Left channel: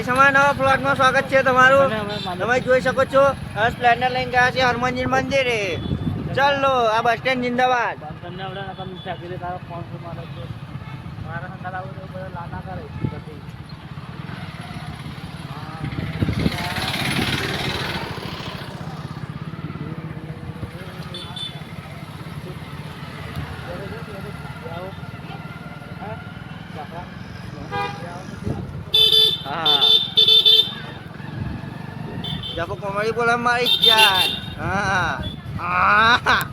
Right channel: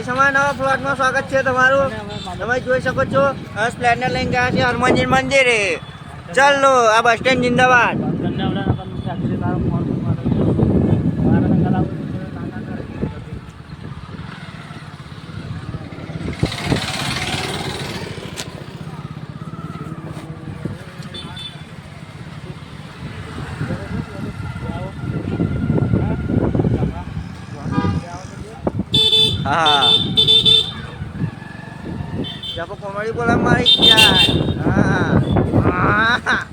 Guys અમારા નવા પ્લોટમાં સ્વાગત છે તમારું. તમે જોઈ શકો છો સ્પ્લેન્ડર લઈને ગયા છે હનુમાનજી મંદિરે. ચાલો આ બસ સ્ટેન્ડ જિંદાબાદ. હા જાપો કોમેડી બોલા મારી જાય. હા હા